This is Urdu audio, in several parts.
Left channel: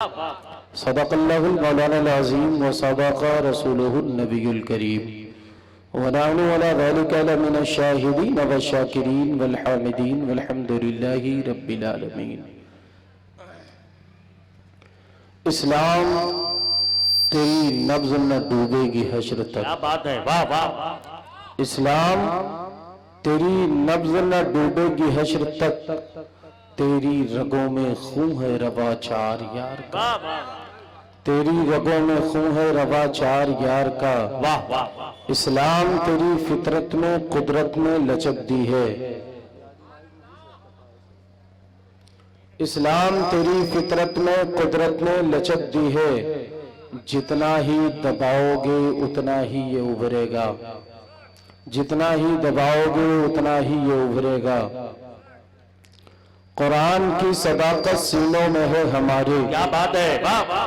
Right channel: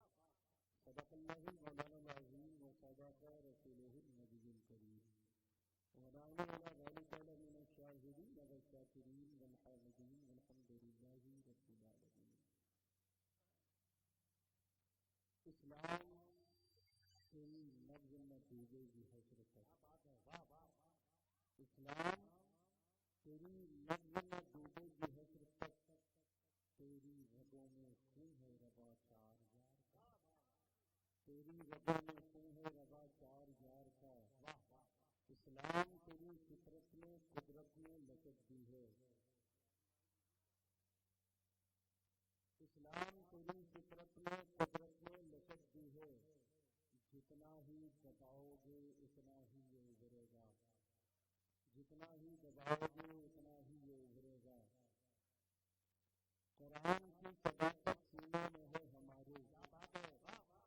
صدق اللہ المولانا العظیم وصدق رسولہ النبی الکریم ونحن على ذلك لمن الشاہدین والشاکرین والحامدین والحمدللہ رب العالمین۔ اسلام تیری نبض نہ ڈوبے گی حشر تک۔ کیا بات ہے، واہ واہ۔ اسلام تیری نبض نہ ڈوبے گی حشر تک، تیری رگوں میں خون ہے روا چار یار کا، تیری رگوں میں خون ہے روا چار یار کا۔ واہ واہ۔ اسلام تیری فطرت میں قدرت میں لچک دی ہے، اسلام تیری فطرت میں قدرت میں لچک دی ہے، جتنا ہی دباؤ گے اتنا ہی یہ ابھرے گا، جتنا ہی دباؤ گے اتنا ہی یہ ابھرے گا۔ قرآن کی صداقت سینوں میں ہے ہمارے، کیا بات ہے، واہ واہ۔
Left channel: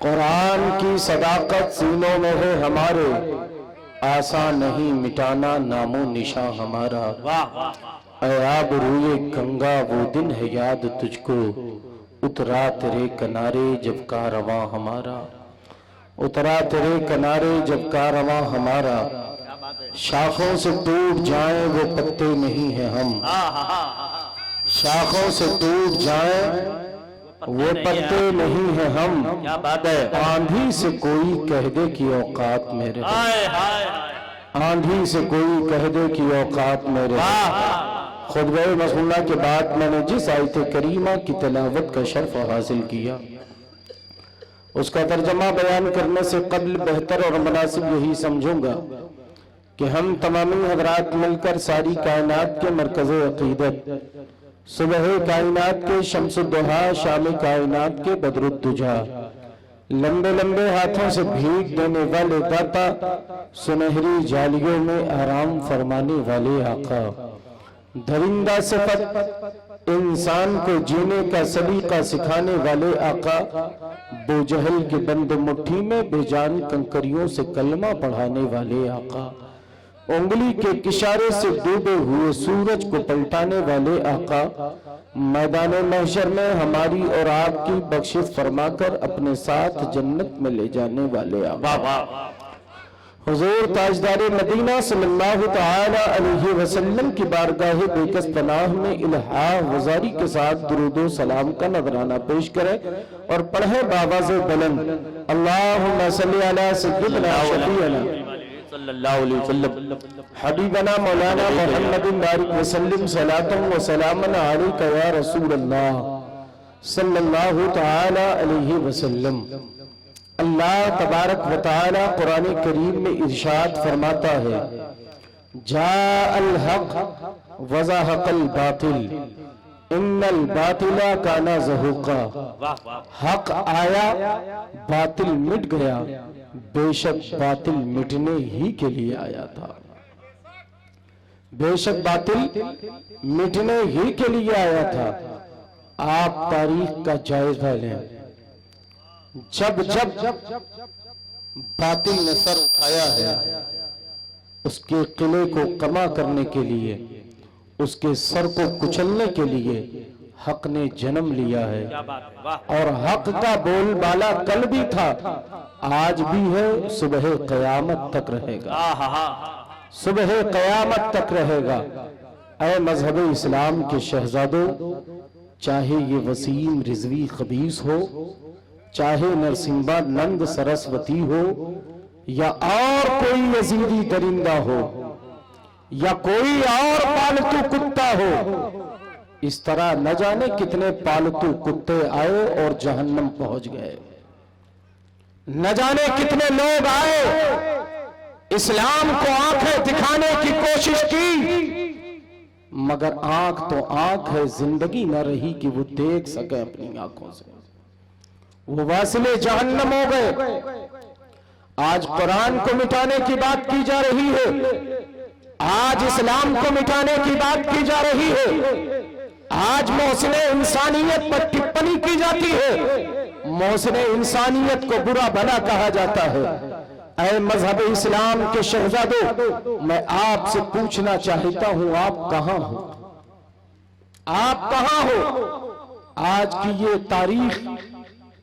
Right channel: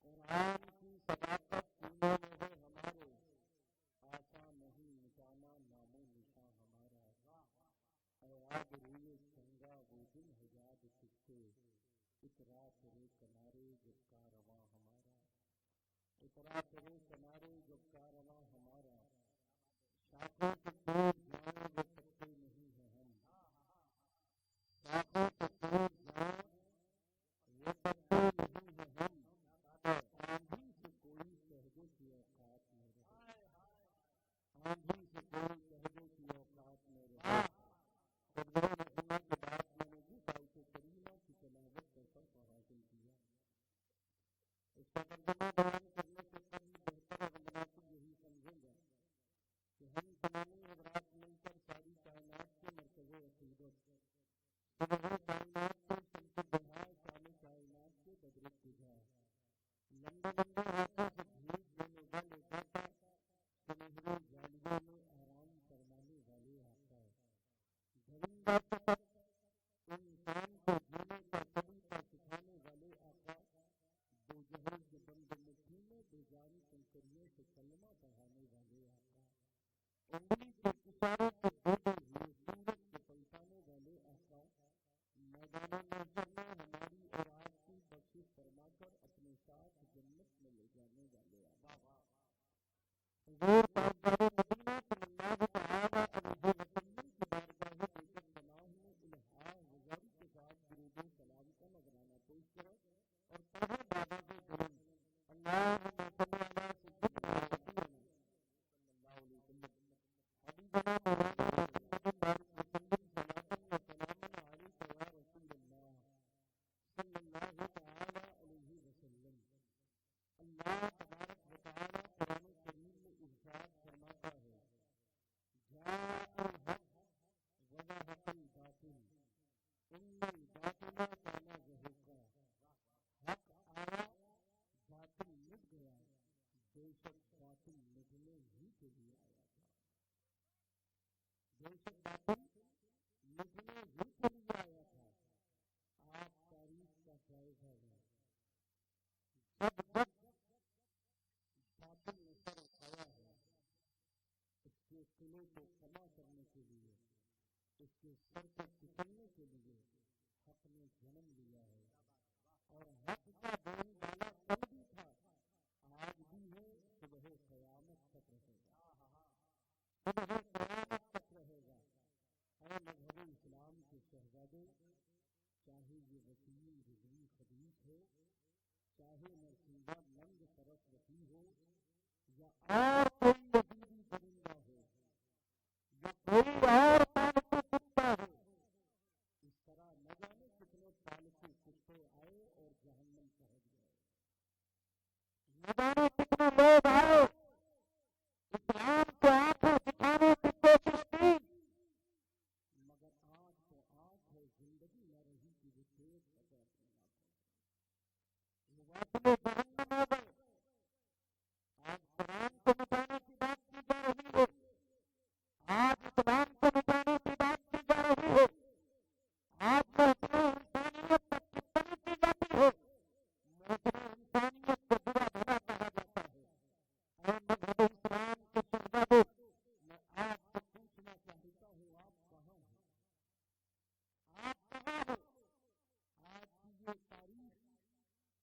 قرآن کی صداقت سینوں میں ہے ہمارے، آسان نہیں مٹانا نام و نشاں ہمارا۔ واہ واہ۔ اے آب روئے گنگا وہ دن ہے یاد تجھ کو، اترا تیرے کنارے جب کارواں ہمارا، اترا تیرے کنارے جب کارواں ہمارا۔ شاخوں سے ٹوٹ جائیں وہ پتے نہیں ہیں ہم، شاخوں سے ٹوٹ جائیں وہ پتے نہیں ہیں ہم۔ کیا بات ہے، آندھی سے کوئی کہہ دے کہ اوقات میرے، ہائے ہائے۔ آندھی سے کوئی کہہ دے کہ اوقات میرے۔ خطبہ مسئولہ کے بعد میں نے جس آیت کریمہ کی تلاوت کا شرف حاصل کیا، اس کا ترجمہ بیان کرنے سے قبل بہتر اور مناسب یہی سمجھوں گا کہ ہم تمامی حضرات مل کر ساری کائنات کے مرکز عقیدت، صبح کائنات کے شمس الضحیٰ، شام کائنات کے بدر الدجا، لمبے لمبے ہاتھوں سے بھیک دینے والے داتا، سنہری جالیوں میں آرام فرمانے والے آقا، درندہ صفت انسان کو جینے کا سلیقہ سکھانے والے آقا، بو جہل کے بند مٹھی میں بے جان کنکریوں سے کلمہ پڑھانے والے آقا، انگلی کے اشارے سے ڈوبے ہوئے سورج کو پلٹانے والے آقا، میدان محشر میں ہماری اور آپ کی بخشش فرما کر اپنے ساتھ جنت میں لے جانے والے آقا، حضور تاجدار مدینہ صلی اللہ تعالی علیہ وسلم کی بارگاہ بیکس پناہ میں الہا وزاری کے ساتھ درود و سلام کا نذرانہ پیش کریں اور پڑھیں بآواز بلند، اللہم صلی علی سیدنا شفیعنا صلی اللہ علیہ وسلم، حبیبنا مولانا محمد بارک وسلم صلاۃ و سلام علیک یا رسول اللہ صلی اللہ تعالی علیہ وسلم۔ اللہ تبارک و تعالی قرآن کریم میں ارشاد فرماتا ہے، جاء الحق وزہق الباطل ان الباطل کان زہوقا۔ حق آیا باطل مٹ گیا، بے شک باطل مٹنے ہی کے لیے آیا تھا، بے شک باطل مٹنے ہی کے لیے آیا تھا۔ آپ تاریخ کا جائزہ لیں، جب باطل نے سر اٹھایا ہے، اس کے قلعے کو کما کرنے کے لیے، اس کے سر کو کچلنے کے لیے حق نے جنم لیا ہے، اور حق کا بول بالا کل بھی تھا، آج بھی ہے، صبح قیامت تک رہے گا، صبح قیامت تک رہے گا۔ اے مذہب اسلام کے شہزادوں، چاہے یہ وسیم رضوی خبیث ہو، چاہے نرسمبا نند سرسوتی ہو، یا اور کوئی یزیدی درندہ ہو، یا کوئی اور پالتو کتا ہو، اس طرح نہ جانے کتنے پالتو کتے آئے اور جہنم پہنچ گئے، نہ جانے کتنے لوگ آئے، اسلام کو آنکھیں دکھانے کی کوشش کی، مگر آنکھ تو آنکھ ہے، زندگی نہ رہی کہ وہ دیکھ سکے اپنی آنکھوں سے، وہ واصل جہنم ہو گئے۔ آج قرآن کو مٹانے کی بات کی جا رہی ہے، آج اسلام کو مٹانے کی بات کی جا رہی ہے، آج محسن انسانیت پر ٹپنی کی جاتی ہے، محسن انسانیت کو برا بھلا کہا جاتا ہے۔ اے مذہب اسلام کے شہزادوں، میں آپ سے پوچھنا چاہتا ہوں، آپ کہاں ہو؟ آپ کہاں ہو؟ آج کی یہ تاریخ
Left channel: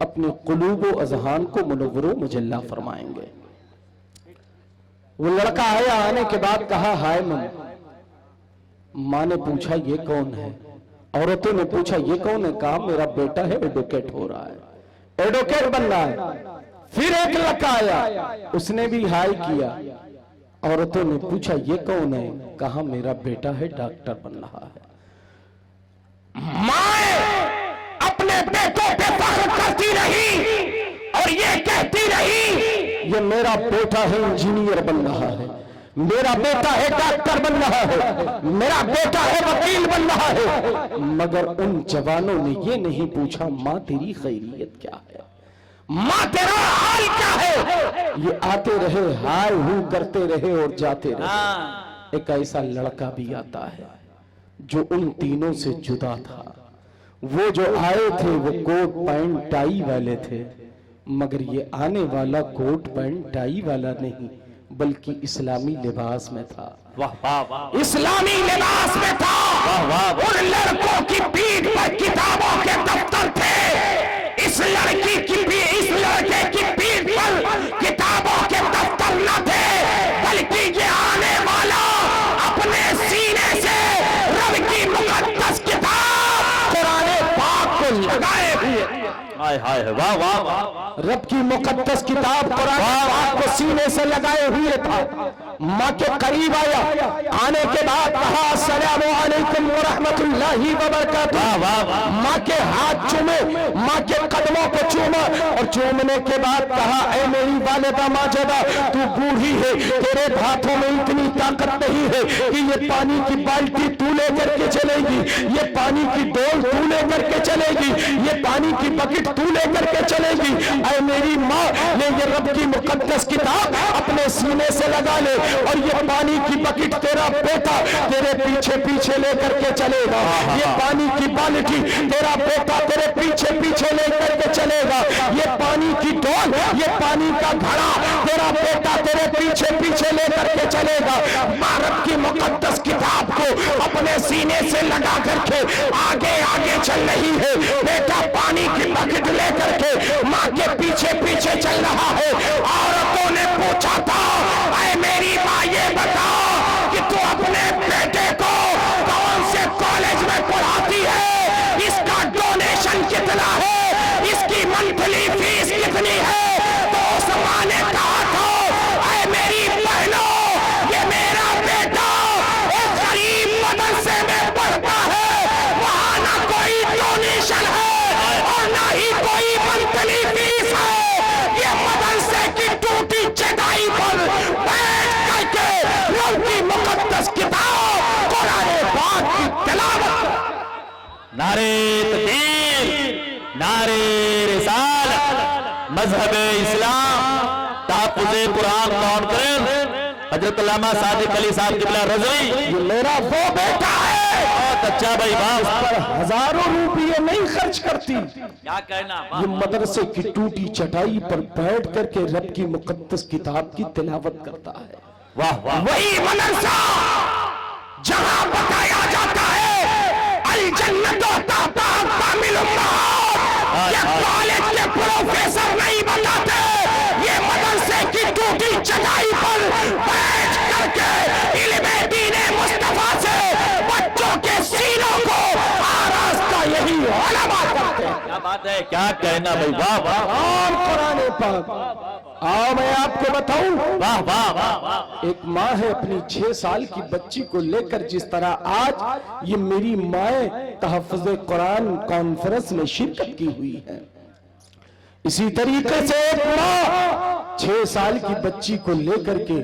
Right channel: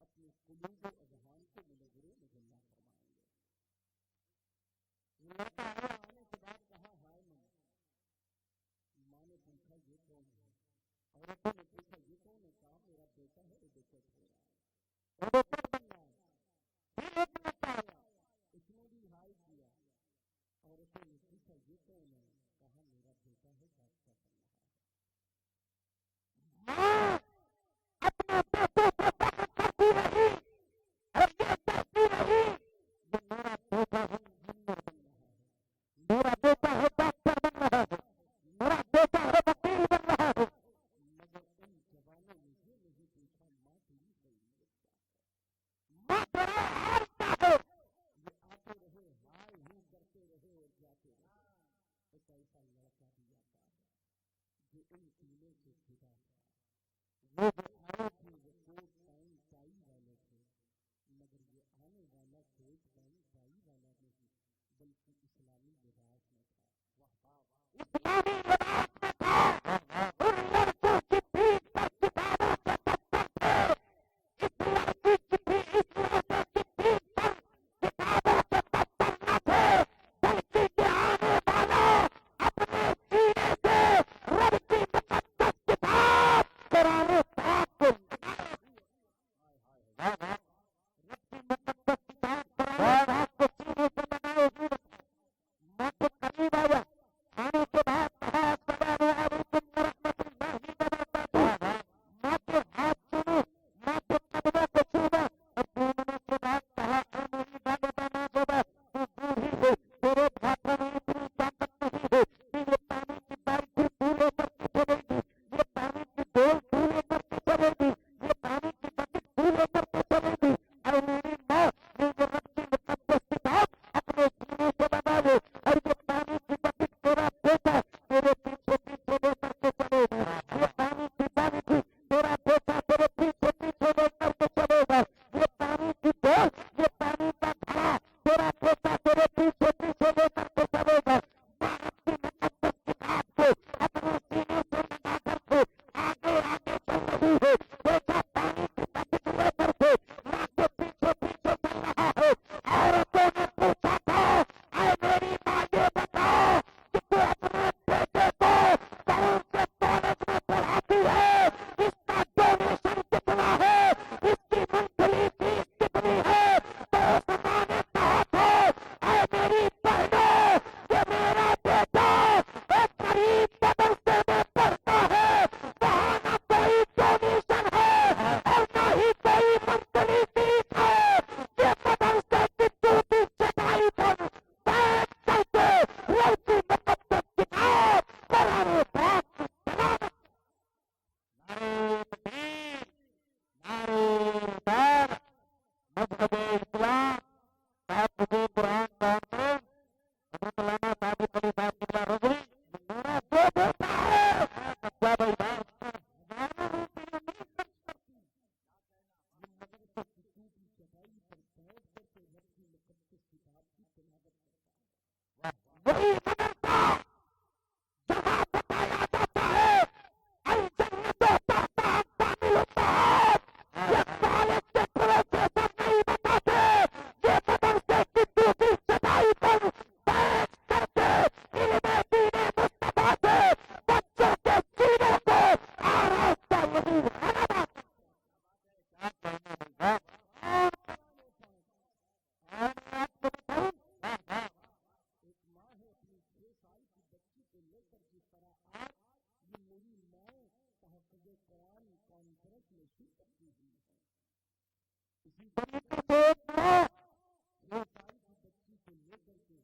اپنے قلوب و اذہان کو منور و مجلہ فرمائیں گے۔ وہ لڑکا آیا، آنے کے بعد کہا ہائے ماں نے پوچھا یہ کون ہے؟ عورتوں نے پوچھا یہ کون ہے؟ کہا میرا بیٹا ہے، ایڈوکیٹ ہو رہا ہے، ایڈوکیٹ بن رہا ہے۔ پھر ایک لڑکا آیا، اس نے بھی ہائے کیا۔ عورتوں نے پوچھا یہ کون ہے؟ کہا میرا بیٹا ہے، ڈاکٹر بن رہا ہے۔ ماں اپنے بیٹوں پہ فخر کرتی رہی اور یہ کہتی رہی یہ میرا بیٹا ہے انجینئر بن رہا ہے، میرا بیٹا ہے ڈاکٹر بن رہا ہے، میرا بیٹا ہے وکیل بن رہا ہے۔ مگر ان جوانوں نے یہ نہیں پوچھا ماں تیری خیریت کیا ہے، ماں تیرا حال کیا ہے؟ یہ آتے رہے، ہائے ہو کرتے رہے اور جاتے رہے۔ ایک ایسا لڑکا بھی آتا ہے جو ان تینوں سے جدا تھا۔ وہ جو آئے تھے وہ کوٹ پینٹ ٹائی والے تھے، مگر یہ آنے والا کوٹ پینٹ ٹائی والا نہیں بلکہ اسلامی لباس میں تھا، اسلامی لباس میں تھا۔ ان لڑکوں کی پیٹھ پر کتابوں کے دفتر تھے، اس لڑکے کی پیٹھ پر کتابوں کے دفتر نہ تھے، بلکہ یہ آنے والا اپنے سینے سے رب کی مقدس کتاب قرآن پاک کو لگائے ہوئے، رب کی مقدس کتاب قرآن پاک کو سینے سے لگائے ہوئے تھا۔ ماں کے قریب آیا، آنے کے بعد کہا السلام علیکم ورحمت اللہ وبرکاتہ۔ ماں کے ہاتھ چومے، ماں کے قدموں کو چوما اور چومنے کے بعد کہا اے میری والدہ ماجدہ، تو بوڑھی ہے، تیرے ہاتھوں میں اتنی طاقت نہیں ہے کہ یہ پانی کی بالٹی تو لے کر کے چلے گی، یہ پانی کی ڈول تو لے کر کے چلے گی، یہ پانی کی بکٹ تو لے کر کے چلے گی۔ اے میری ماں، یہ رب کی مقدس کتاب اپنے سینے سے لگا لے اور یہ پانی کی بکٹ تیرا بیٹا تیرے پیچھے پیچھے لے کر کے چلے گا، یہ پانی کی بالٹی تیرا بیٹا تیرے پیچھے پیچھے لے کر کے چلے گا، یہ پانی کی ڈول، یہ پانی کا گھڑا تیرا بیٹا تیرے پیچھے پیچھے لے کر کے چلے گا۔ ماں رب کی مقدس کتاب کو اپنے سینے سے لگا کر کے آگے آگے چل رہی ہے، بیٹا پانی کی بکٹ لے کر کے ماں کے پیچھے پیچھے چل رہا ہے۔ عورتوں نے پوچھا تھا اے میری ماں یہ بتاؤ کہ تو اپنے بیٹے کو کون سے کالج میں پڑھاتی ہے، اس کا ڈونیشن کتنا ہے، اس کی منتھلی فیس کتنی ہے؟ تو اس ماں نے کہا تھا اے میری بہنوں، یہ میرا بیٹا ایک غریب مدرسے میں پڑھتا ہے، وہاں نہ کوئی ڈونیشن ہے اور نہ ہی کوئی منتھلی فیس ہے، یہ مدرسے کی ٹوٹی چٹائی پر بیٹھ کر کے رب کی مقدس کتاب قرآن پاک کی تلاوت۔ نعرے تکبیر، نعرے رسالت، مذہب اسلام، تحفظ قرآن کانفرنس، حضرت علامہ صادق علی صاحب قبلہ رضوی، یہ میرا وہ بیٹا ہے، بہت اچھا بھائی، اس پر ہزاروں روپیے نہیں خرچ کرتی، کیا کہنا، یہ مدرسے کی ٹوٹی چٹائی پر بیٹھ کر کے رب کی مقدس کتاب کی تلاوت کرتا ہے۔ واہ واہ، وہی مدرسہ جہاں بتایا جاتا ہے الجنت تحت اقدام الامہات، یہ کالج کے پروفیسر نہیں بتاتے، یہ مدرسے کی ٹوٹی چٹائی پر بیٹھ کر کے علم دین مصطفیٰ سے بچوں کے سینوں کو آراستہ یہی علماء کرتے ہیں۔ کیا بات ہے، کیا کہنا بھائی، واہ واہ اور قرآن پاک، آؤ میں آپ کو بتاؤں، واہ واہ واہ، ایک ماں ہے اپنی 6 سال کی بچی کو لے کر، جس طرح آج یہ میری مائیں تحفظ قرآن کانفرنس میں شرکت کی ہوئی ہے، اسی طریقے سے ایک ماں 6 سال کی بچی کو لے کر کے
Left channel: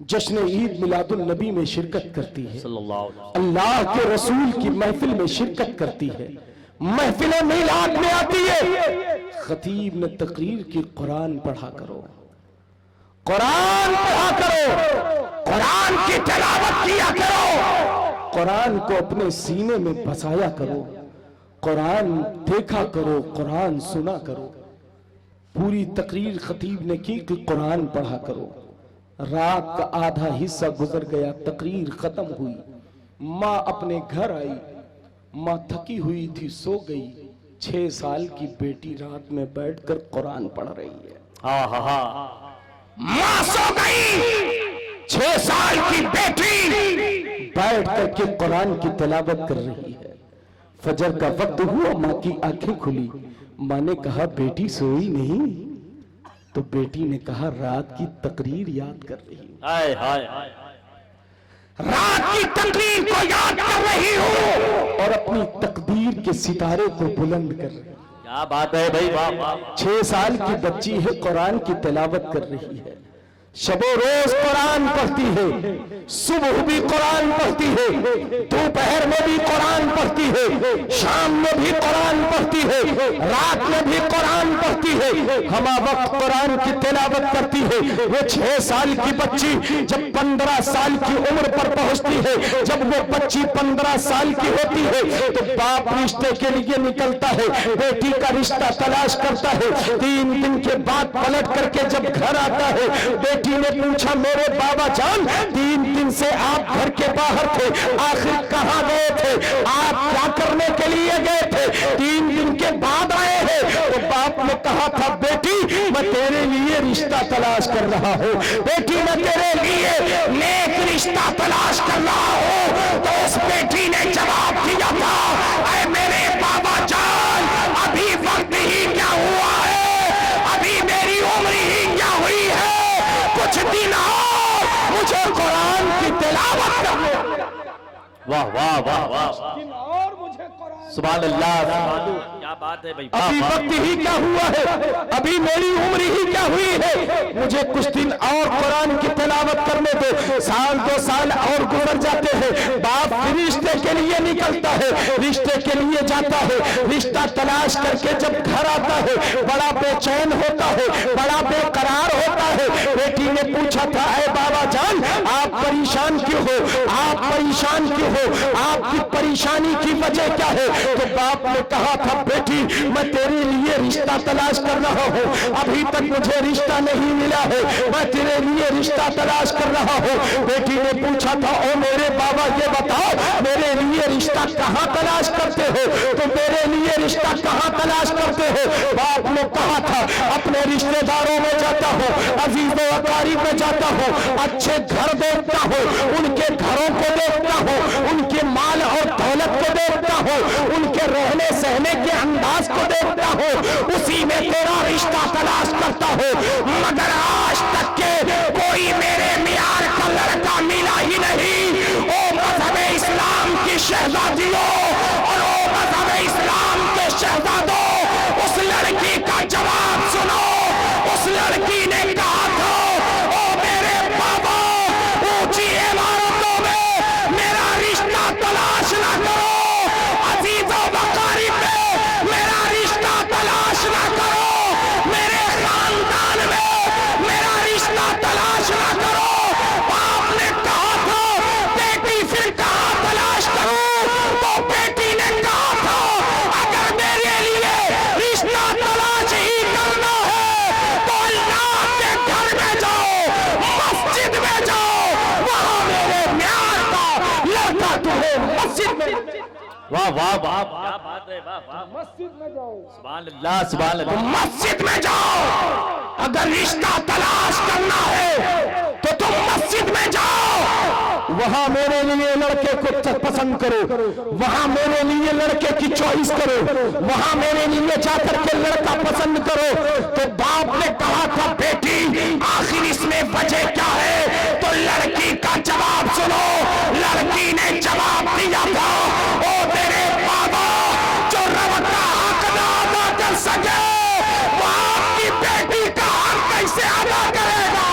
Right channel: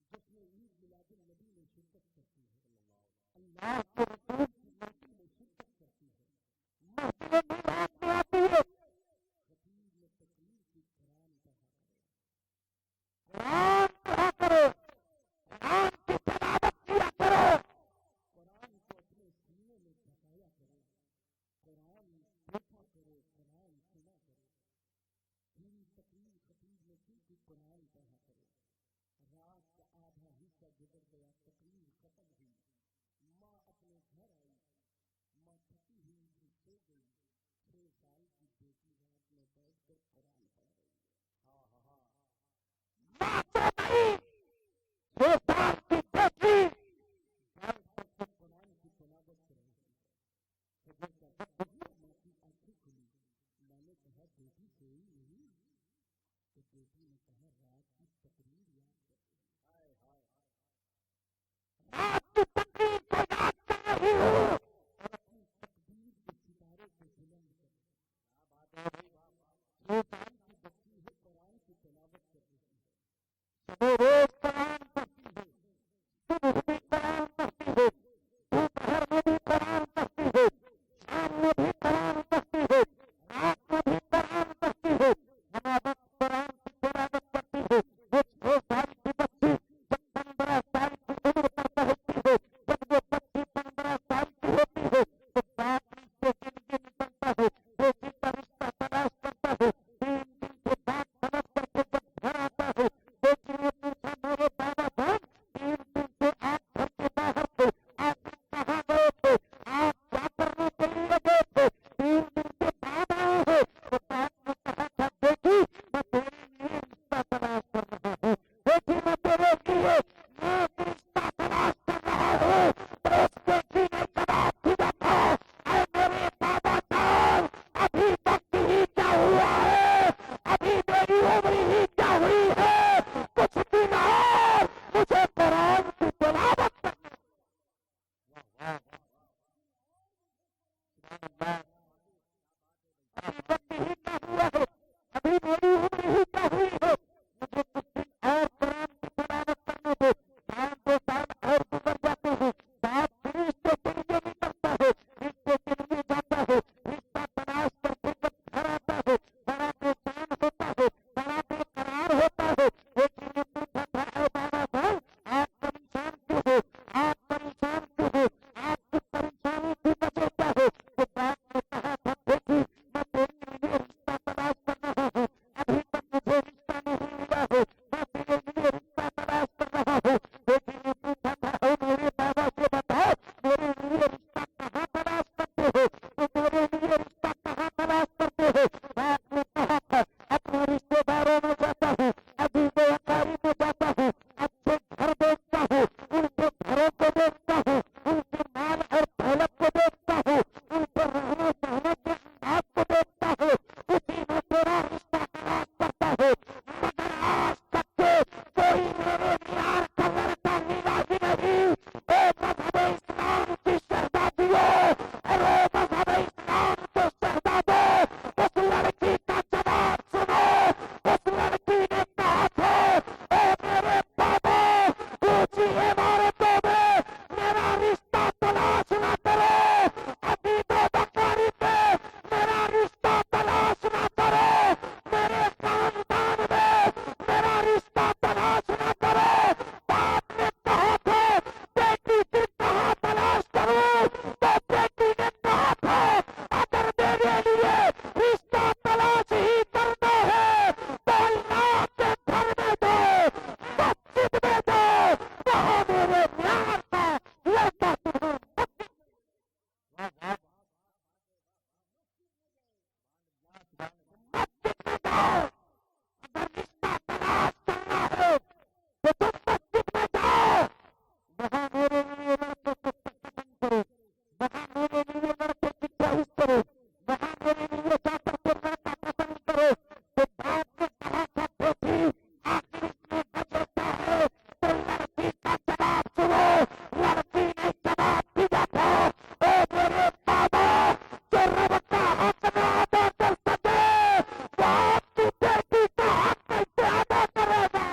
جشن عید میلاد النبی میں شرکت کرتی ہے، اللہ کے رسول کی محفل میں شرکت کرتی ہے، محفل میلاد میں آتی ہے، خطیب نے تقریر کی قرآن پڑھا کرو، قرآن پڑھا کرو، قرآن کی تلاوت کیا کرو، قرآن کو اپنے سینے میں بسایا کرو، قرآن دیکھا کرو، قرآن سنا کرو۔ پوری تقریر خطیب نے کی کہ قرآن پڑھا کرو، رات کا آدھا حصہ گزر گیا، تقریر ختم ہوئی، ماں اپنے گھر آئی، ماں تھکی ہوئی تھی، سو گئی، 6 سال کی بیٹی رات میں بیٹھ کر قرآن پڑھ رہی ہے. ہاں ہاں ہاں ماں سو گئی، 6 سال کی بیٹی بیٹھ کر کے قرآن کی تلاوت کر رہی ہے. فجر کا وقت ہوا، ماں کی آنکھیں کھلی. ماں نے کہا بیٹی سوئی نہیں؟ تو بیٹی نے کہا رات کی تقریر یاد کر رہی ہوں. ہائے ہائے رات کی تقریر کو یاد کر رہی ہوں اور اپنی تقدیر کے ستارے کو بلند کر رہی ہوں. کیا بات ہے بھائی، واہ واہ. 6 سال کی بچی ہے، قرآن کی تلاوت کر رہی ہے. شب و روز قرآن پڑھتی ہے، صبح بھی قرآن پڑھتی ہے، دوپہر میں بھی قرآن پڑھتی ہے، شام میں بھی قرآن پڑھتی ہے، رات میں بھی قرآن پڑھتی ہے، ہمہ وقت قرآن کی تلاوت کرتی ہے. وہ 6 سال کی بچی جب 15 سال کی عمر پر پہنچتی ہے، جب وہ بچی 15 سال کی ہوتی ہے تو باپ رشتے کے لیے نکلتا ہے، بیٹی کا رشتہ تلاش کرتا ہے. 3 دن کے بعد پلٹ کر کے جب گھر آتا ہے، بیٹی نے پوچھا میرے بابا جان 3 دن سے آپ گھر کے باہر تھے، آخر کہاں گئے تھے؟ آپ کیا کرنے کے لیے گئے تھے؟ 3 دن کے بعد آئے ہیں. تو باپ نے کہا تھا بیٹی میں تیرے لیے رشتہ تلاش کر رہا ہوں، بیٹی میں تیرے لیے نیک رشتہ تلاش کر رہا ہوں. تو اس بیٹی نے جواب دیا تھا اے میرے بابا جان ابھی وقت ہی کیا ہوا ہے، ابھی میری عمر ہی کیا ہوئی ہے، کچھ دن اور مجھے قرآن کی تلاوت کرنے. واہ واہ واہ واہ، سبحان اللہ. کیا بات ہے بھائی، ابھی وقت ہی کیا ہوا ہے، ابھی میری عمر ہی کیا ہوئی ہے، مجھے کچھ دن اور قرآن کی تلاوت کرنے دو. 1-2 سال اور گزر جاتے ہیں. باپ رشتے کے لیے نکلتا ہے، رشتے کے لیے جاتا ہے، رشتہ تلاش کر کے جب گھر آتا ہے بڑا بے چین ہوتا ہے، بڑا بے قرار ہوتا ہے. بیٹی نے پوچھا تھا اے بابا جان آپ پریشان کیوں ہو، آپ پریشان کیوں ہو، آپ کی پریشانی کی وجہ کیا ہے؟ تو باپ نے کہا تھا بیٹی میں تیرے لیے رشتہ تلاش کر رہا ہوں، ابھی تک مجھے رشتہ نہیں ملا ہے، میں تیرے لیے رشتہ تلاش کر رہا ہوں. بیٹی نے پوچھا تھا او میرے بابا یہ بتاؤ میرے لیے رشتہ کہاں تلاش کرتے ہو؟ تو میرے لیے رشتہ کہاں تلاش کرتے ہو؟ باپ نے کہا تھا اپنے رشتہ داروں میں جاتا ہوں، عزیز و اقارب میں جاتا ہوں، اچھے گھر دیکھتا ہوں، ان کے گھروں کو دیکھتا ہوں، ان کے مال اور دولت کو دیکھتا ہوں، ان کے رہنے سہنے کے انداز کو دیکھتا ہوں، اسی میں تیرا رشتہ تلاش کرتا ہوں. مگر آج تک کے کوئی میرے معیار کا لڑکا ملا ہی نہیں. او مذہب اسلام کی شہزادیوں اور او مذہب اسلام کے شہزادوں اس لڑکی کا جواب سنو. اس لڑکی نے کہا تھا او میرے بابا اونچی عمارتوں میں میرا رشتہ تلاش نہ کرو، عزیز و اقارب میں میرا رشتہ تلاش نہ کرو، میرے خاندان میں میرا رشتہ تلاش نہ کرو. باپ نے کہا تھا بیٹی پھر کہاں تلاش کروں؟ تو بیٹی نے کہا تھا اگر میرے لیے رشتہ تلاش ہی کرنا ہے تو اللہ کے گھر میں جاؤ، مسجد میں جاؤ، وہاں میرے معیار کا لڑکا تمہیں مسجد میں. واہ واہ واہ، کیا بات ہے، واہ واہ. مسجد میں جاؤ، سبحان اللہ سبحان اللہ. مسجد میں جاؤ. اگر رشتہ تلاش کرنا ہے تو تم مسجد میں جاؤ، وہاں میرے لیے لڑکے کو پسند کرو، وہاں میرے لیے لڑکے کی چوائس کرو، وہاں میرے لیے جا کر کے لڑکا پسند کرو. تو باپ نے کہا تھا بیٹی آخر اس میں وجہ کیا ہے؟ تو لڑکی کا جواب سنو. لڑکی نے جواب دیا تھا او میرے بابا جو رب کا حق نہ ادا کر سکے وہ آپ کی بیٹی کا حق کیسے ادا کرے گا؟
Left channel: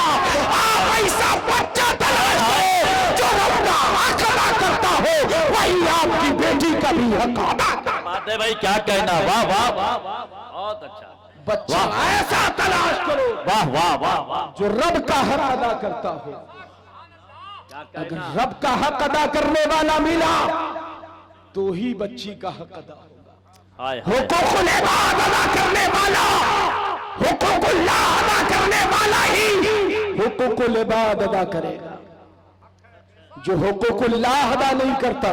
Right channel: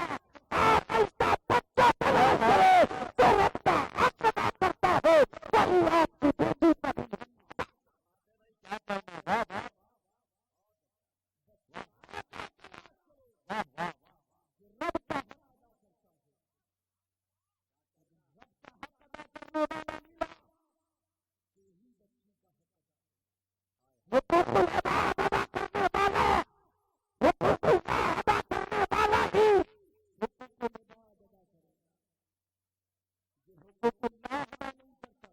آپ ایسا بچہ تلاش کرو جو رب کا حق ادا کرتا ہو، وہی آپ کی بیٹی کا بھی حق ادا کرتا. بات ہے بھائی، کیا کہنا، واہ واہ واہ، بہت اچھا. بچہ ایسا تلاش کرو واہ واہ واہ واہ، جو رب کا حق ادا کرتا ہو. اگر رب کا حق ادا کرنے والا ملا تو ہی بچی کا حق ادا ہوگا. ہائے ہائے. حقوق العباد ادا کرنے والا، حقوق اللہ ادا کرنے والا ہی حقوق العباد ادا کرے گا. جو حقوق اللہ ادا نہیں کرتا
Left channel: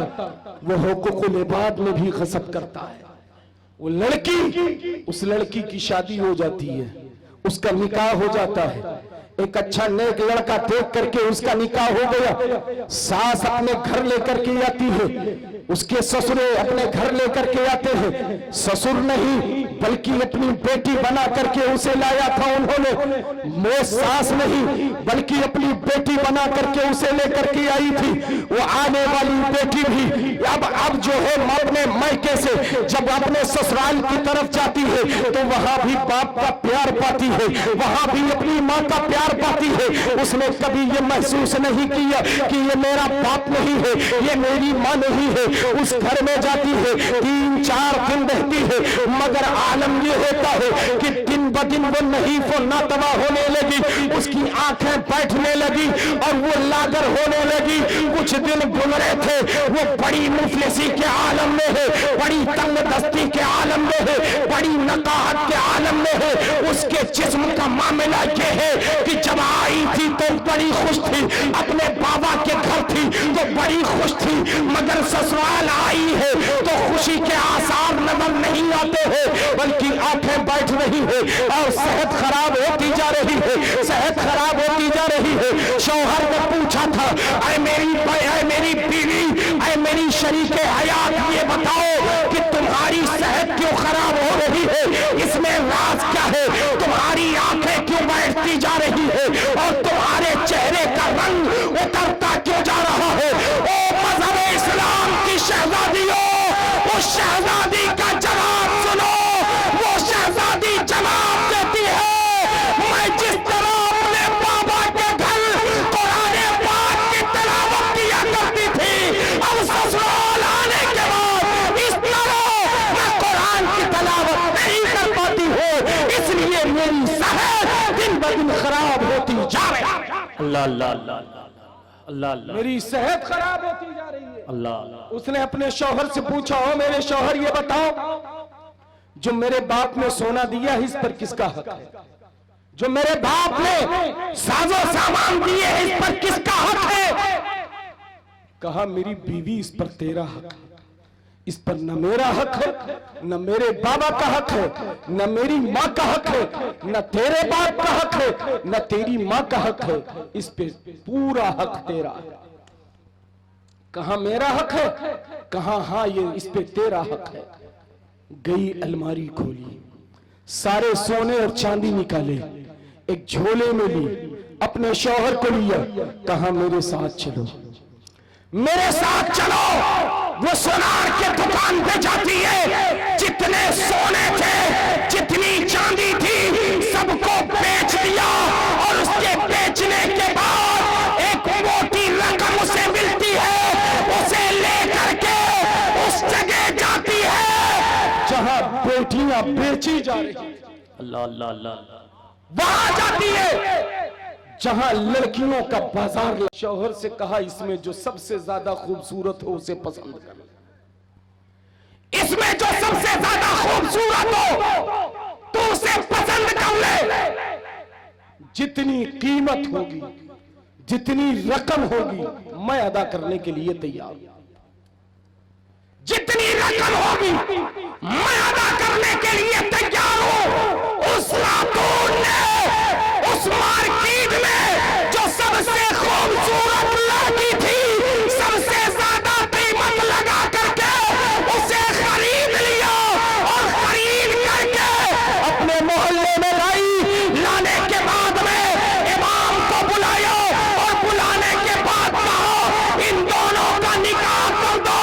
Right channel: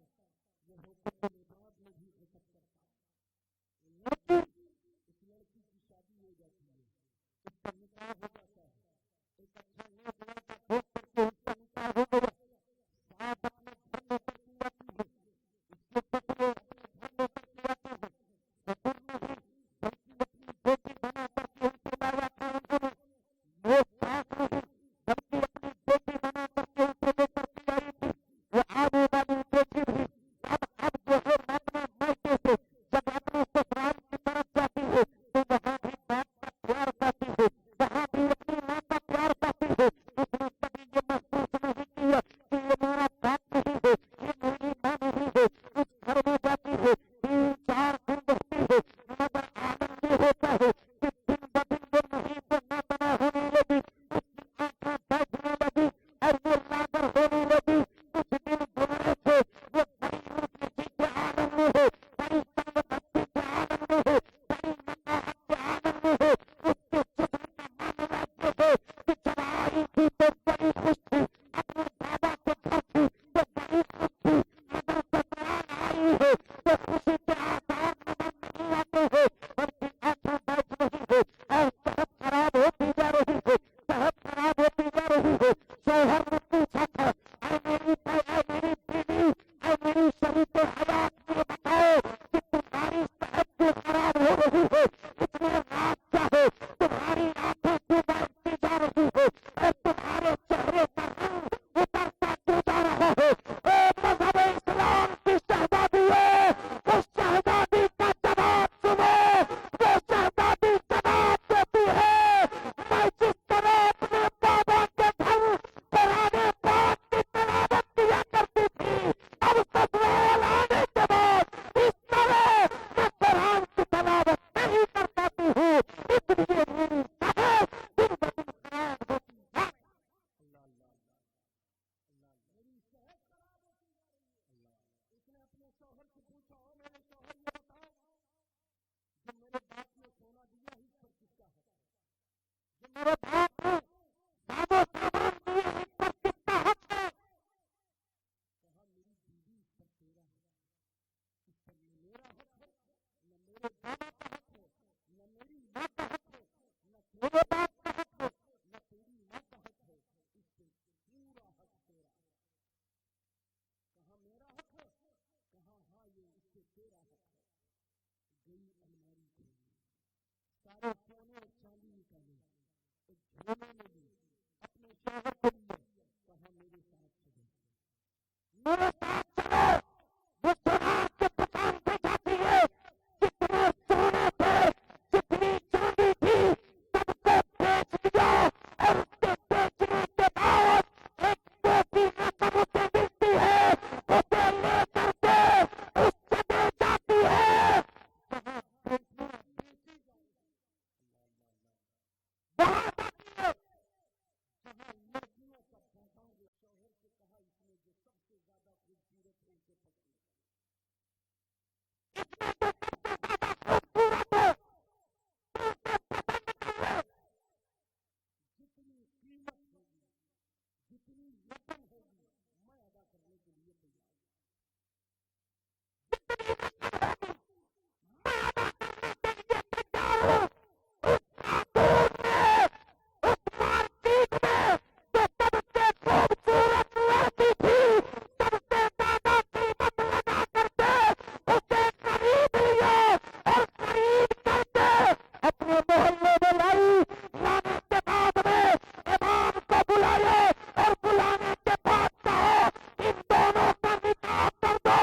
وہ حقوق العباد میں بھی غصب کرتا ہے. وہ لڑکی، اس لڑکی کی شادی ہو جاتی ہے، اس کا نکاح ہو جاتا ہے، ایک اچھا نیک لڑکا دیکھ کر کے اس کا نکاح ہو گیا، ساس اپنے گھر لے کر کے آتی ہے، اس کے سسرے اپنے گھر لے کر کے آتے ہیں، سسر نہیں بلکہ اپنی بیٹی بنا کر کے اسے لایا تھا انہوں نے، وہ ساس نہیں بلکہ اپنی بیٹی بنا کر کے اسے لے کر کے آئی تھی، وہ آنے والی بیٹی بھی اب جو ہے اپنے مائکے سے جب اپنے سسرال کی طرف جاتی ہے تو وہاں بھی باپ کا پیار پاتی ہے، وہاں بھی اپنی ماں کا پیار پاتی ہے، اس نے کبھی یہ محسوس نہیں کیا کہ یہ میرا باپ نہیں ہے، یہ میری ماں نہیں ہے، اس گھر میں جاتی ہے 3-4 دن رہتی ہے، مگر عالم یہ ہوتا ہے کہ دن بدن وہ نحیف و ناتوا ہونے لگی، اس کی آنکھیں بیٹھنے لگی اور وہ لاغر ہونے لگی، کچھ دن گزرے تھے، وہ بڑی مفلسی کے عالم میں ہے، بڑی تنگ دستی کے عالم میں ہے، بڑی نقاہت کے عالم میں ہے، اس کے جسم کا معاملہ یہ ہے کہ جب آئی تھی تو بڑی خوش تھی، اپنے بابا کے گھر تھی تو بڑی خوش تھی، مگر سسرال آئی ہے تو خوشی کے آثار نظر نہیں آتے ہیں، بلکہ آنکھیں بیٹھ رہی ہے اور صحت خراب ہوتی جا رہی ہے، صحت خراب ہوتی جا رہی ہے۔ شوہر نے پوچھا تھا، اے میری بیوی، اے میری شریک حیات، یہ بتاؤ کہ تمہاری صحت کیوں خراب ہو رہی ہے، اس میں راز کیا ہے، تمہاری آنکھیں کیوں بیٹھتی جا رہی ہے اور تمہارے چہرے کا رنگ اترتا کیوں جا رہا ہے؟ او مذہب اسلام کی شہزادیوں، اس شہزادی کا جواب سنو، وہ شہزادی جواب دیتی ہے، میں جس طرح اپنے بابا کے گھر قرآن پاک کی تلاوت کیا کرتی تھی، اب سسرال آنے کے بعد اس طرح میں قرآن کی تلاوت نہیں کر پاتی ہوں، اس لیے میری صحت دن بدن خراب ہوتی جا رہی ہے۔ اللہ اللہ اللہ اللہ اللہ، میری صحت خراب ہوتی جا رہی ہے۔ اللہ، اس نے اپنے شوہر سے پوچھا، ہو میرے شوہر یہ بتاؤ، جو میرے باپ نے سونا دیا ہے اس پر کس کا حق ہے؟ جو میرے باپ نے ساز و سامان دیے اس پر کس کا حق ہے؟ کہا میری بیوی اس پر تیرا حق ہے، اس پر نہ میرا حق ہے، نہ میرے بابا کا حق ہے، نہ میری ماں کا حق ہے، نہ تیرے باپ کا حق ہے، نہ تیری ماں کا حق ہے، اس پہ پورا حق تیرا ہے۔ کہاں میرا حق ہے؟ کہاں ہاں یہ اس پہ تیرا حق ہے۔ گئی الماری کھولی، سارے سونے اور چاندی نکالے، ایک جھولے میں لی، اپنے شوہر کو لیا، کہا میرے ساتھ چلو، میرے ساتھ چلو۔ وہ سونار کے دکان پہ جاتی ہے، جتنے سونے تھے، جتنی چاندی تھی، سب کو بیچ دیا، اور اس کے بیچنے کے بعد ایک موٹی رقم اسے ملتی ہے، اسے لے کر کے اس جگہ جاتی ہے جہاں بیٹیاں بیچی جا رہی ہیں، اللہ اللہ اللہ، وہاں جاتی ہے جہاں لڑکیوں کا بازار۔ شوہر سے کہا اس میں جو سب سے زیادہ خوبصورت ہو اسے پسند کر، اس میں جو سب سے زیادہ خوبصورت ہو تو اسے پسند کر لے، جتنی قیمت ہوگی، جتنی رقم ہوگی میں ادا کرنے کے لیے تیار ہوں، جتنی رقم ہوگی میں ادا کرنے کے لیے تیار ہوں۔ اس خاتون نے اس مارکیٹ میں جو سب سے خوبصورت لڑکی تھی، سب سے زیادہ قیمت لگا کر کے اسے خرید لیا، اور خرید کر کے اپنے محلے میں لائی، لانے کے بعد میں امام کو بلایا، اور بلانے کے بعد کہا ان دونوں کا نکاح کر دو،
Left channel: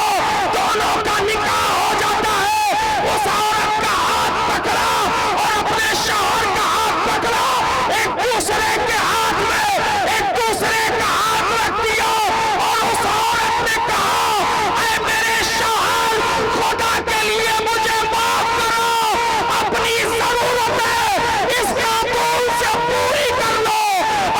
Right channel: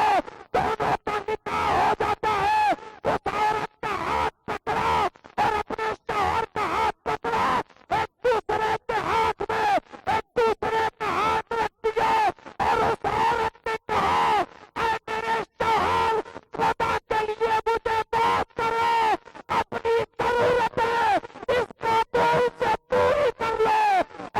دونوں کا نکاح ہو جاتا ہے۔ اس عورت کا ہاتھ پکڑا اور اپنے شوہر کا ہاتھ پکڑا، ایک دوسرے کے ہاتھ میں ایک دوسرے کا ہاتھ رکھ دیا، اور اس عورت نے کہا اے میرے شوہر، خدا کے لیے مجھے معاف کرو، اپنی ضرورت ہے اس خاتون سے پوری کر لو،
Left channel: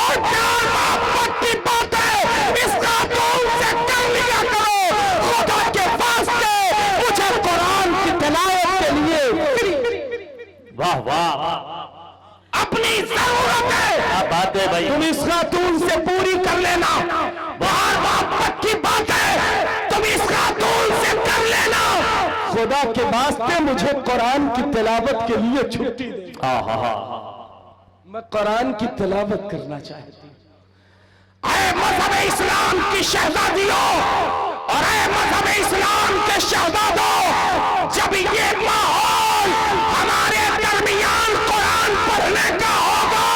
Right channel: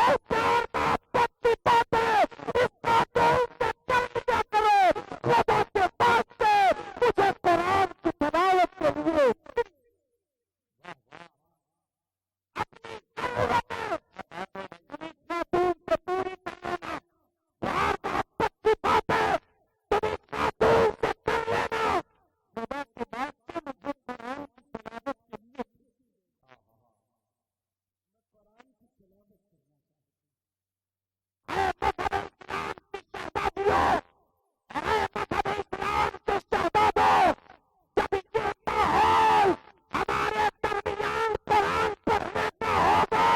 اور پیار محبت کی باتیں اس خاتون سے کر لیا کرو، خدا کے واسطے مجھے قرآن کی تلاوت کے لیے واہ واہ، اپنی ضرورت ہے، کیا بات ہے بھائی، تم اس خاتون سے پوری کر لینا، پیار محبت کی بات ہے، تم اس خاتون سے کر لینا، خدا کے واسطے مجھے قرآن کی تلاوت کے لیے چھٹی دے، میں قرآن کی تلاوت کرنا چاہتی ہوں۔ اے مذہب اسلام کی شہزادیوں اور اے مذہب اسلام کے شہزادوں، جب یہ ماحول ہمارے درمیان قرآن پڑھنے کا ہوگا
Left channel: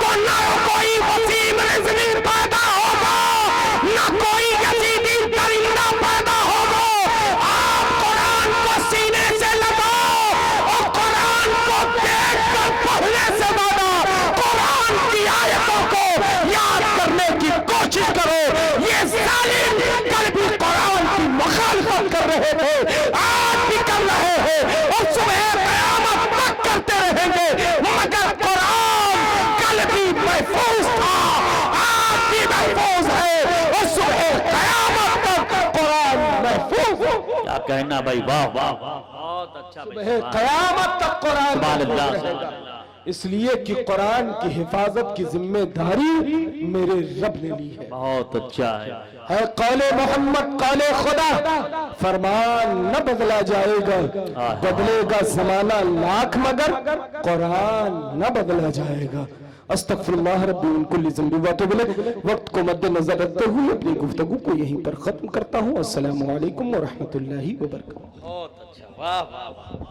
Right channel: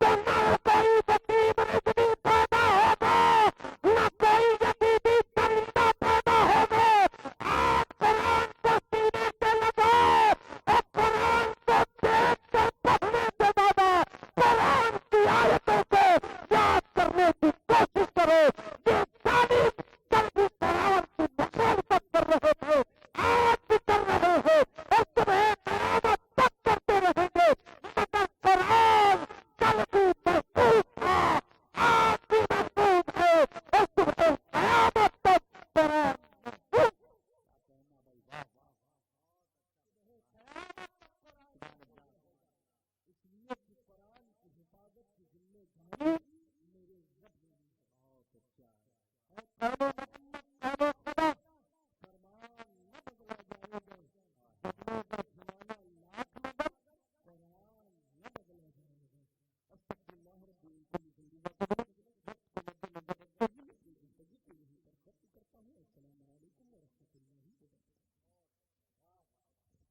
تو نہ کوئی وسیم رضوی پیدا ہوگا، نہ کوئی یزیدی درندہ پیدا ہوگا۔ آپ قرآن کو سینے سے لگاؤ اور قرآن کو دیکھ کر پڑھنے سے زیادہ قرآن کی آیتوں کو یاد کرنے کی کوشش کرو۔ یہ ظالم کل بھی قرآن کی مخالفت کر رہے تھے، آج بھی کر رہے ہیں اور صبح قیامت تک کرتے رہیں گے، مگر قرآن کل بھی محفوظ تھا، آج بھی محفوظ ہے اور صبح قیامت تک قرآن محفوظ ہے۔ کیا کہنا بھائی، واہ واہ، بہت اچھا صبح قیامت تک قرآن سبحان محفوظ اللہ، رہے گا، اس لیے کہ قرآن کی حفاظت کی ذمہ داری میرے رب نے لی ہے۔ بہت اچھا ہے۔ قول محمد قول خدا، فرمان نہ بدلا جائے گا، بدلے گا زمانہ لاکھ مگر قرآن نہ بدلا جائے گا۔ استغفر اللہ ربی من کل ذنب واتوب الیہ۔ وقت کو مد نظر رکھتے ہوئے اپنی گفتگو کو یہیں پر ختم کرتا ہوں۔ السلام علیکم ورحمۃ اللہ وبرکاتہ۔ بہت اچھا، واہ واہ۔